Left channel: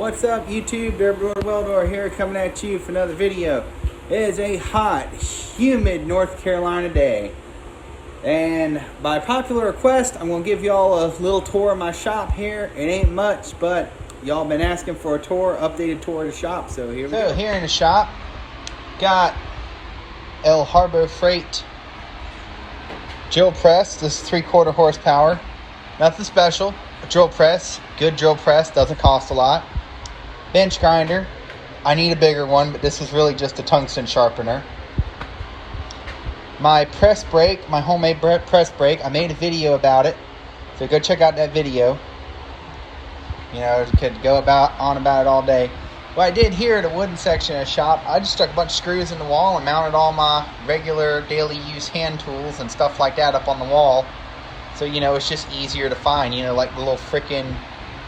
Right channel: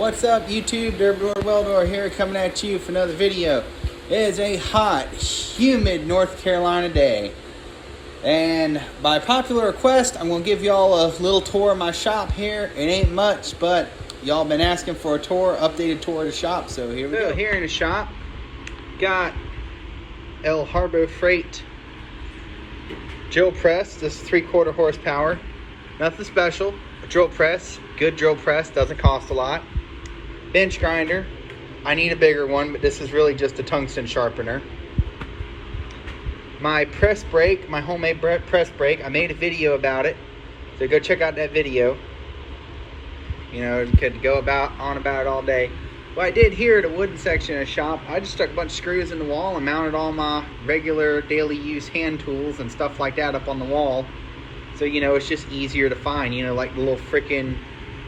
What's up YouTube? Derby Weldor here coming at you for another video. It is a hot, humid North Carolina day. And by popular request, I'm going to give y'all a little tour of my shop here. It ain't much, but y'all been asking for a tour, updated tour of the shop, so here we go. Here in the shop, got El Harbo Freight drill press. This is 3/4 horsepower. Nothing special. A drill press, good drill press, doesn't cost a lot. Bench grinder. I need a bigger one, but this is really just a tungsten sharpener. My press brake, my homemade press brake, I made a video about it, so go check out that video. You know, could go on about it all day. What I did here at the wooden section of the shop, I just stuck a bunch of screws in the wall and mounted all my regular daily use hand tools and stuff like that up on the wall. So, you know, it's just easier to find, you know, like the little frickin'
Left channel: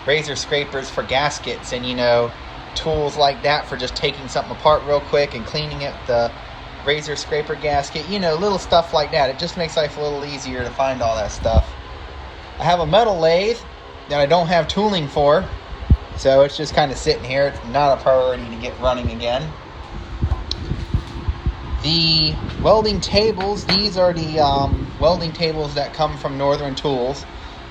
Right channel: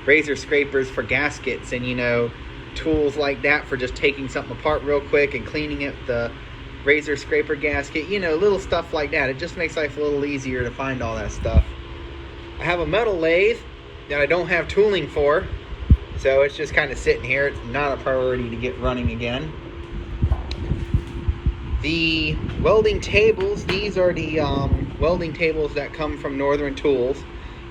razor scrapers for gaskets and, you know, tools like that for just taking something apart real quick and cleaning it, the razor scraper gasket, you know, little stuff like that. It just makes life a little easier to find all that stuff. I have a metal lathe that I don't have tooling for, so it's just kind of sitting here. It's not a priority to get running again. The welding tables, these are the welding tables that come from Northern Tools.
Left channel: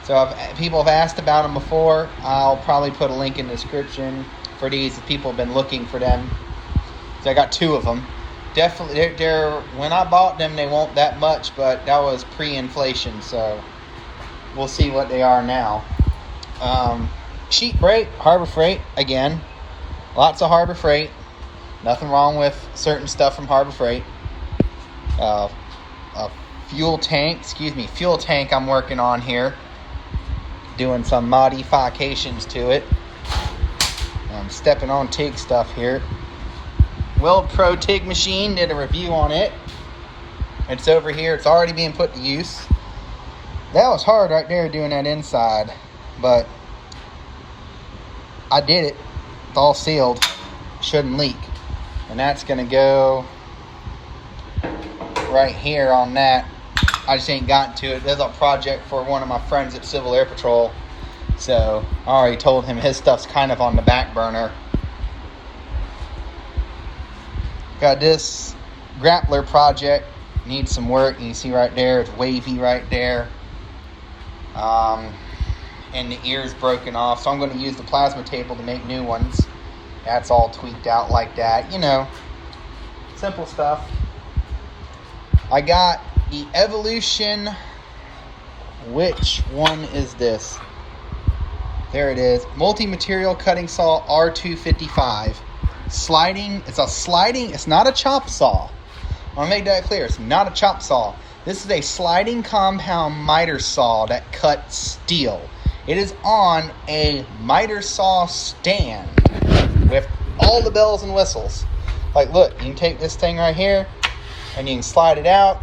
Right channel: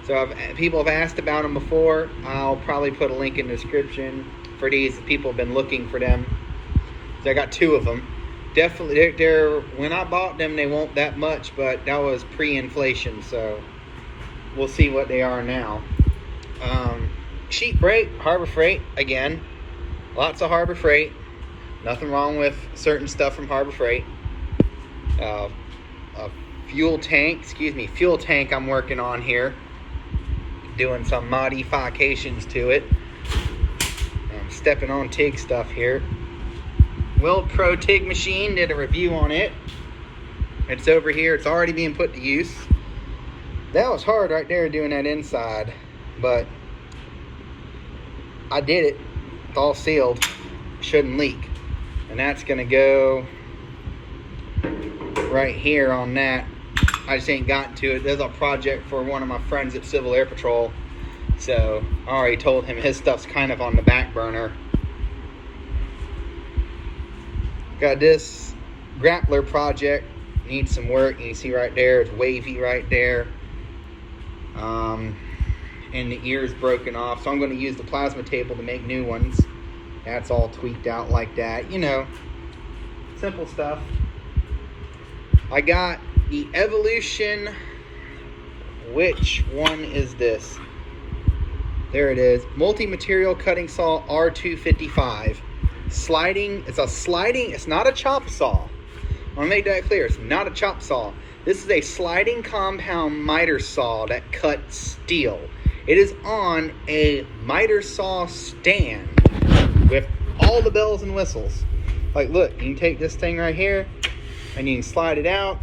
So people have asked about them before. I'll probably put a link in the description for these. People have been looking for them. So I got 2 of them. Definitely, they're when I bought them, they weren't that much, but that was pre-inflation, so we'll see what they are now. Sheet brake, Harbor Freight, again. Lots of Harbor Freight. Nothing wrong with certain stuff from Harbor Freight. A fuel tank I'm working on here. Doing some modifications to it. I'm stepping on TIG stuff here. Weld Pro TIG machine, did a review on it. It's over here, it's already being put to use. That was hard right there doing that inside, but I did it. It's all sealed, shouldn't leak. And that's gonna go right here on that. I just ain't gotten to it. There's a project for one of my friends at Civil Air Patrol, so I already told him his stuff's kind of on the back burner. Got this grappler project, needs some work. You can see right there, it's wavy right there. And the ear's broken off, so I'm going to use the plasma table to make new ones. That's all tweaked out like that, you know, simple stuff. I got the Evolution, which one is this? There it is, multi-material cutting saw R255. Sliding, it's not a chop saw. I want to make that clear, it's not a chop saw. This is a sliding compound miter saw that cuts steel. It is on a miter saw stand with all the bells and whistles. Like, look, you can take this thing right here and you can slide it out.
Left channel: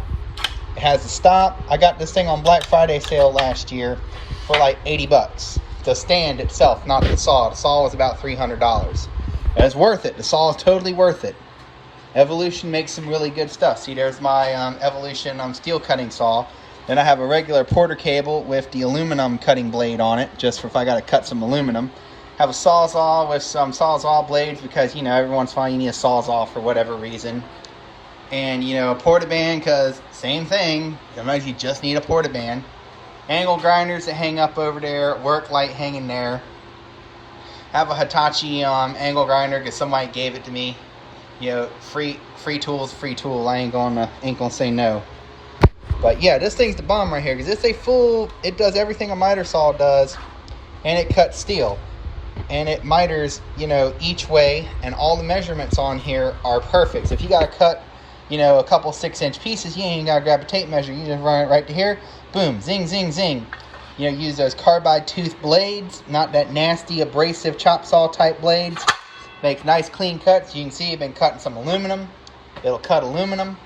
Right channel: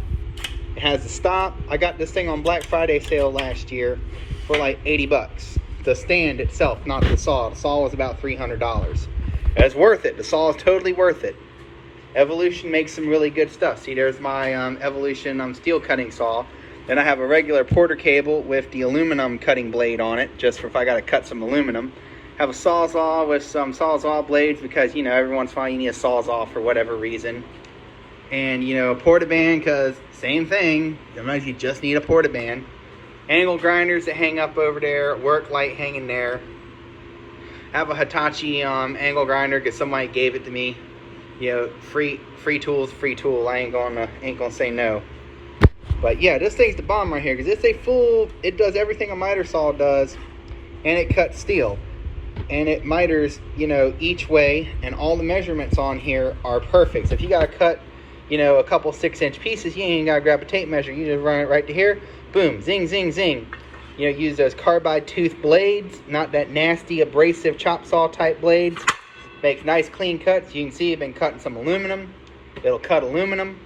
It has a stop. I got this thing on Black Friday sale last year for like 80 bucks. The stand itself, not the saw. The saw was about $300. And it's worth it. The saw is totally worth it. Evolution makes some really good stuff. See, there's my Evolution steel cutting saw. Then I have a regular Porter cable with the aluminum cutting blade on it, just for if I got to cut some aluminum. Have a Sawzall with some Sawzall blades because, you know, every once in a while you need a Sawzall for whatever reason. And, you know, a portaband because same thing. Sometimes you just need a portaband. Angle grinders that hang up over there. Work light hanging there. Have a Hitachi angle grinder because somebody gave it to me. You know, free tools, free tool. I ain't gonna say no. But yeah, this thing's the bomb right here because it's a full. It does everything a miter saw does, and it cuts steel, and it miters, you know, each way, and all the measurements on here are perfect. So if you gotta cut, you know, a couple 6-inch pieces, you ain't even gotta grab a tape measure. You just run it right to here, boom, zing, zing, zing. You know, use those carbide tooth blades, not that nasty abrasive chop saw type blades. Makes nice clean cuts. You can see I've been cutting some aluminum. It'll cut aluminum.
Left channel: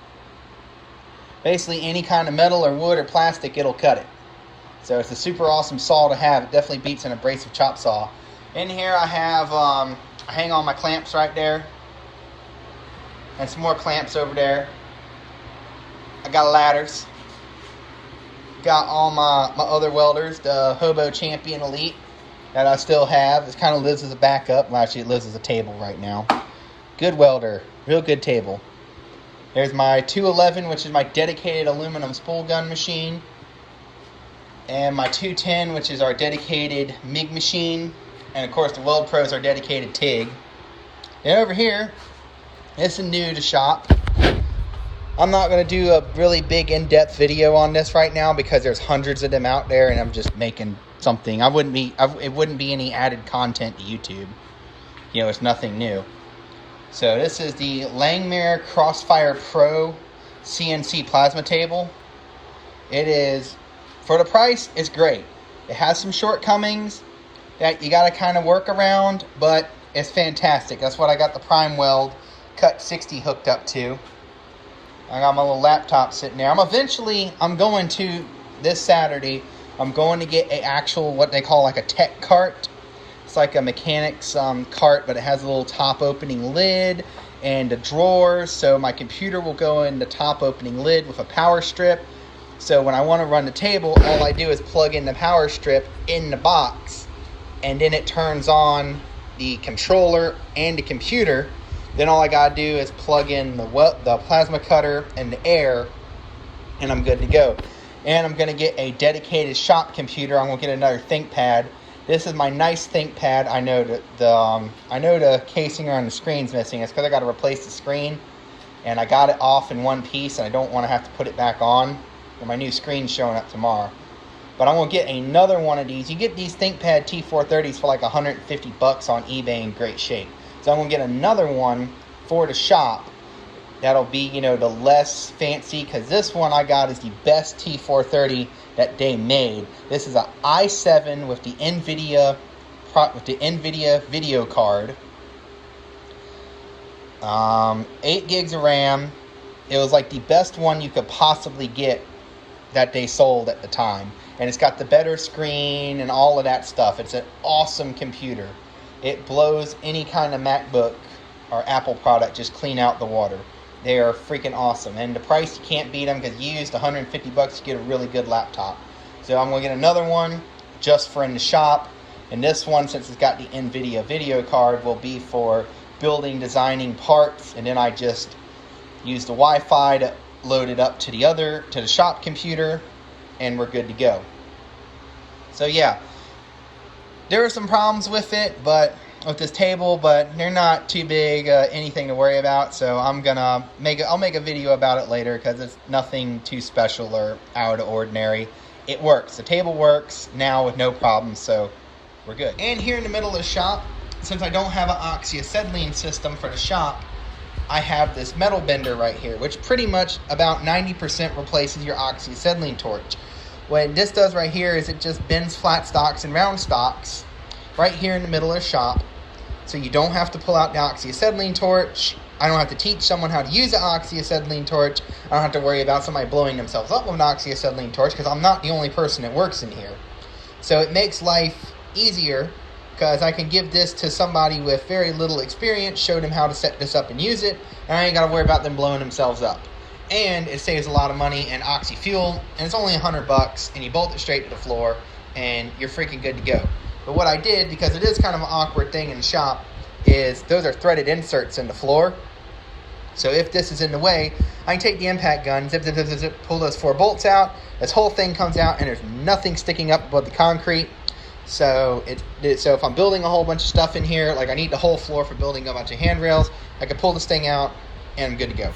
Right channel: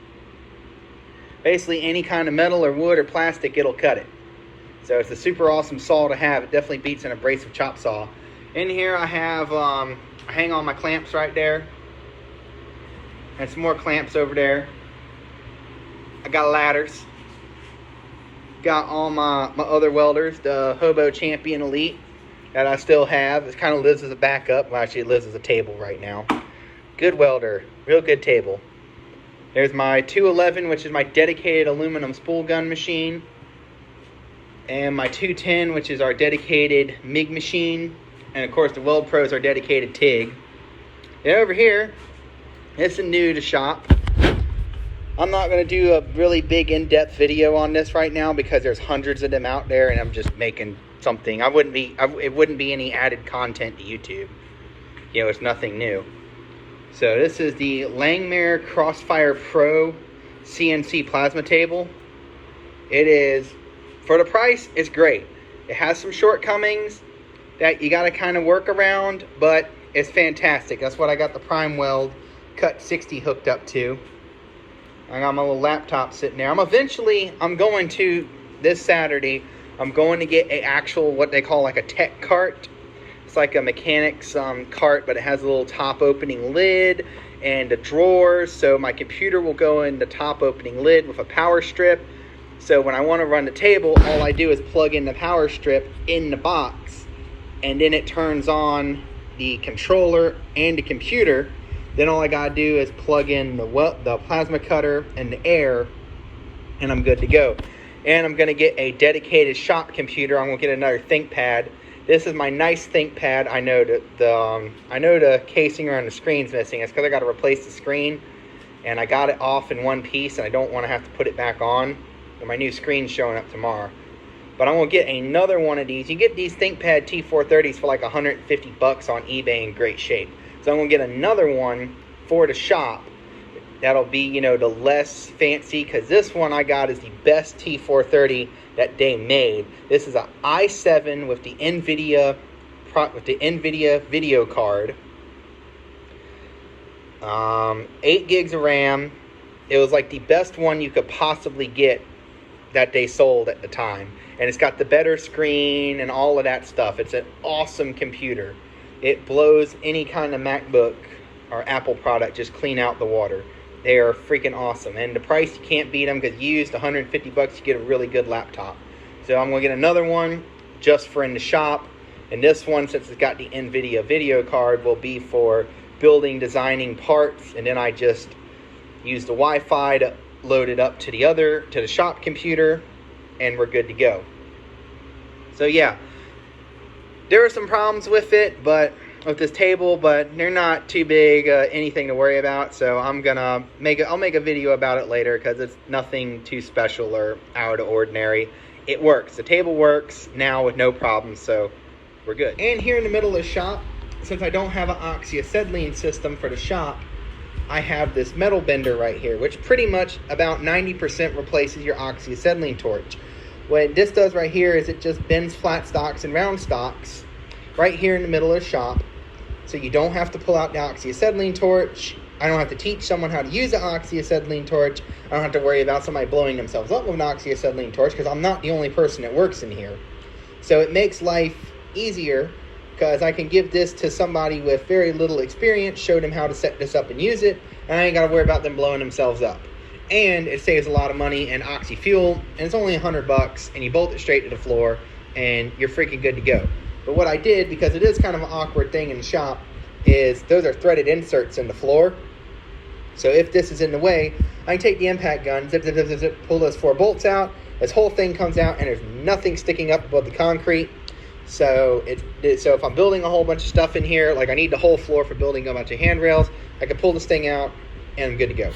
Basically any kind of metal or wood or plastic, it'll cut it. So it's a super awesome saw to have. It definitely beats an abrasive chop saw. In here I have, I hang all my clamps right there. And some more clamps over there. I got ladders. Got all my other welders, the Hobo Champion Elite. that I still have. It kind of lives as a backup. Well, actually, it lives as a table right now. Good welder. Real good table. There's my 211, which is my dedicated aluminum spool gun machine. And my 210, which is our dedicated MIG machine. And, of course, the Weld Pro is our dedicated TIG. And over here, this is new to shop. I'm not going to do a really big in-depth video on this right now because there's hundreds of them out there and I'm just making something. It wouldn't be any added content to YouTube. You know, it's nothing new. So this is the Langmuir Crossfire Pro CNC plasma table. It is, for the price, it's great. It has some shortcomings that you got to kind of work around, but it's fantastic. That's what I got the Prime Weld Cut 60 hooked up to. I got my little laptop sitting there. I'm going to, this Saturday, I'm going to get an actual, what they call like a tech cart. It's like a mechanic's cart, but it has a little top opening lid and a drawer. So my computer will go in the top opening lid with a power strip. So when I want to run the table, all I do is plug in the power strip in the box. And then it turns on the controller and the computer. Then all I gotta do is plug in the plasma cutter and the air, and I'm good to go. And I'm gonna get a dedicated shop computer. I'm gonna get another ThinkPad. This is my nice ThinkPad. I know the casing around the screen's missing. It's because I gotta replace the screen, and I got it off in one piece, and I don't want to have to put it back on. And my new screen's showing up tomorrow. But I'm gonna get another one of these. You get these ThinkPad T430s for like 150 bucks on eBay in great shape. So I'm going to get another one for the shop. That'll be, you know, the less fancy, because this one I got is the best T430 that they made. This is an i7 with the NVIDIA video card. 8 gigs of RAM. It was like the best one you could possibly get that they sold at the time. And it's got the better screen and all of that stuff. It's an awesome computer. It blows any kind of MacBook or Apple product just clean out the water. They are freaking awesome. And the price, you can't beat them, because used 150 bucks, you get a really good laptop. So I'm going to get another one just for in the shop. And this one, since it's got the NVIDIA video card, will be for building, designing parts. And then I just use the Wi-Fi to load it up to the shop computer, and we're good to go. So yeah. There are some problems with it, but with this table, but they're not too big, anything to worry about. So I'll make a video about it later, because it's nothing too special or out of ordinary. It works. The table works now with no problems, so we're good. And here in the middle of the shop, since I don't have an oxyacetylene system for the shop, I have this metal bender right here, which pretty much about 90% replaces your oxyacetylene torch. What this does right here is it just bends flat stocks and round stocks right here in the middle of the shop. So you don't have to pull out the oxyacetylene torch. I don't have to teach someone how to use the oxyacetylene torch. I don't have to worry about somebody blowing themselves up with an oxyacetylene torch, because I'm not the only person that works in here. So it makes life easier, because I can give this to somebody with very little experience, show them how to set this up and use it, and I ain't got to worry about them blowing themselves up. And it saves a lot of money in oxy fuel, and it's only 100 bucks, and you bolt it straight to the floor, and you're freaking good to go. But what I did, because it is kind of an awkward thing in the shop, is those are threaded inserts in the floor. So if this is in the way, I can take the impact gun, zip, zip, zip, zip, zip, pull those 4 bolts out, this whole thing comes out, and there's nothing sticking up above the concrete. So so if I'm building a whole bunch of stuff in here, like I need the whole floor for building a bunch of handrails, I can pull this thing out, and I'm good to go.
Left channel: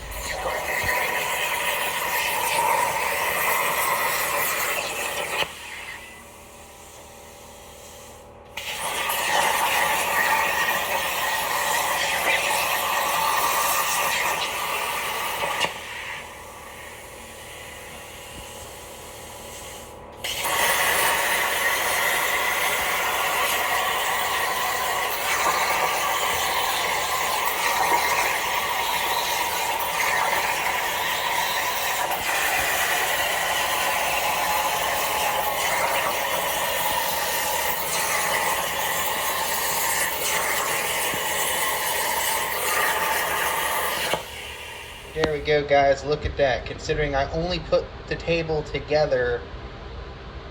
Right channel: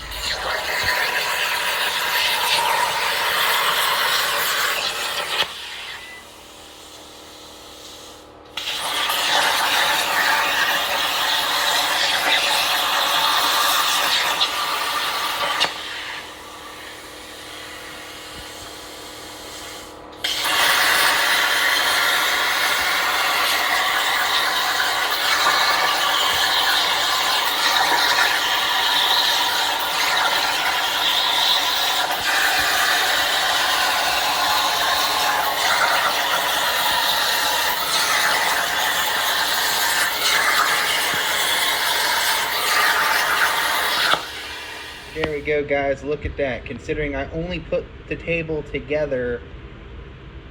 There we go, guys. Look at that. Considering I only put the table together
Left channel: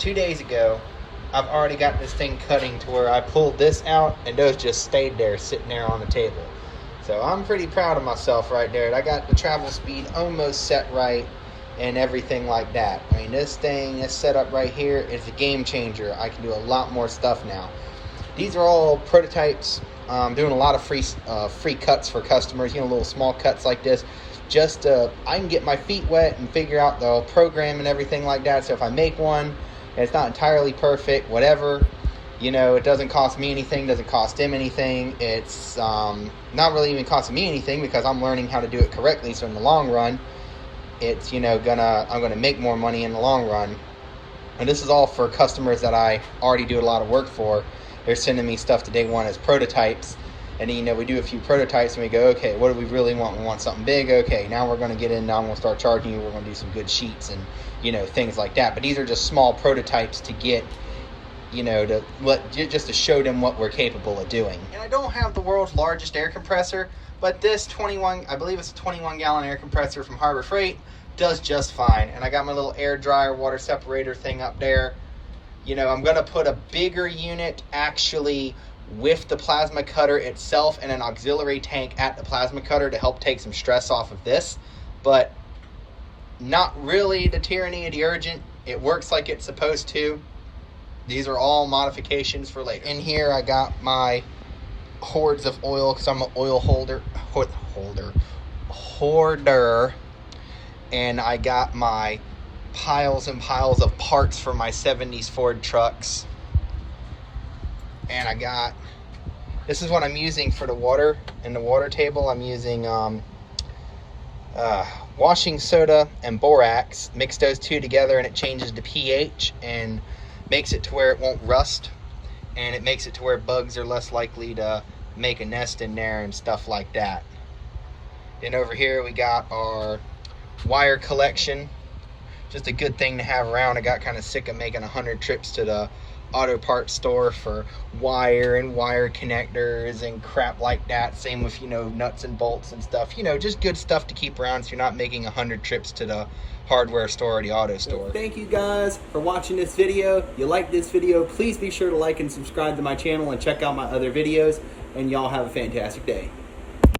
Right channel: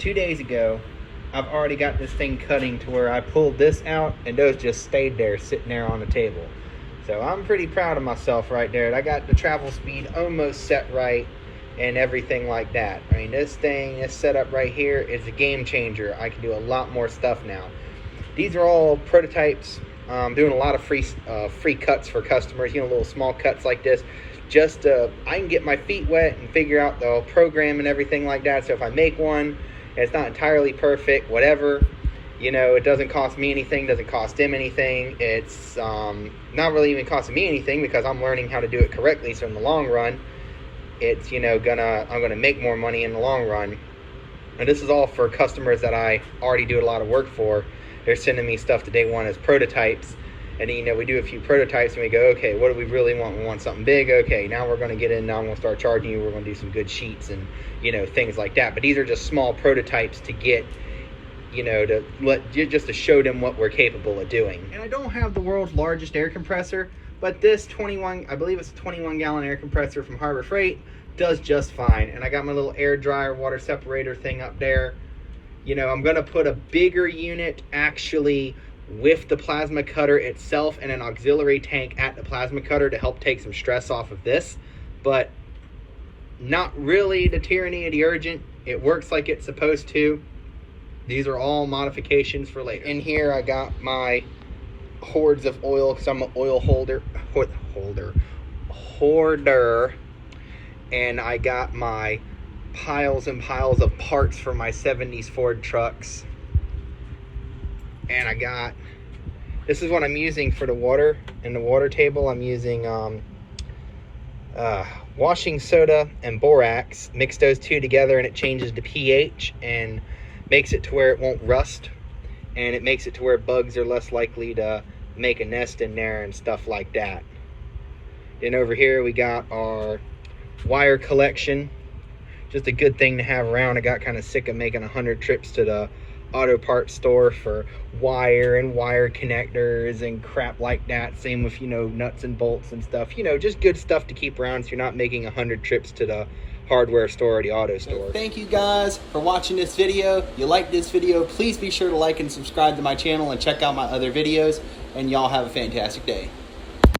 2 days ago, I've already got this thing cutting to where I pulled this out and those just stayed there sitting there on the table. So I'm pretty proud of myself right there. I got the travel speed almost set right and everything like that. I mean, this thing, this setup right here is a game changer. I can do a lot more stuff now. These are all prototypes. Doing a lot of free cuts for customers, you know, little small cuts like this. Just I can get my feet wet and figure out the program and everything like that. So if I make one and it's not entirely perfect, whatever, you know, it doesn't cost me anything, doesn't cost him anything. It's not really even costing me anything because I'm learning how to do it correctly. So in the long run, it's, you know, I'm gonna make more money in the long run. And this is all for customers that I already do a lot of work for. They're sending me stuff to day one as prototypes. And then, you know, we do a few prototypes and we go, okay, what do we really want? We want something big. Okay, now we're going to get in. Now I'm going to start charging you. We're going to do some good sheets and, you know, things like that. But these are just small prototypes to get, you know, just to show them what we're capable of doing. And I don't have the world's largest air compressor, but this 21, I believe it's a 21-gallon air compressor from Harbor Freight, does just fine. And I got my little air dryer water separator thing up there. You know, I'm going to put a bigger unit actually with the plasma cutter itself and an auxiliary tank at the plasma cutter to help take some stress off of this, but not really the tyranny of the urgent. It works like it's supposed to. These are all modifications for later. In here I got my hordes of oil because I'm an oil hoarder, and I got my piles and piles of parts for my 70s Ford trucks. And I got, this is what I'm using for the water. In the water table, I'm using washing soda and borax. Mix those two together and it changes the pH and makes it to where it won't rust. And it makes it to where bugs are less likely to make a nest in there and stuff like that. Then over here we got our wire collection. Just a good thing to have around. I got kind of sick of making 100 trips to the auto parts store for wire and wire connectors and crap like that. Same with, you know, nuts and bolts and stuff. You know, just good stuff to keep around so you're not making 100 trips to the hardware store or the auto store. So thank you guys for watching this video. If you like this video, please be sure to like and subscribe to my channel and check out my other videos. And y'all have a fantastic day.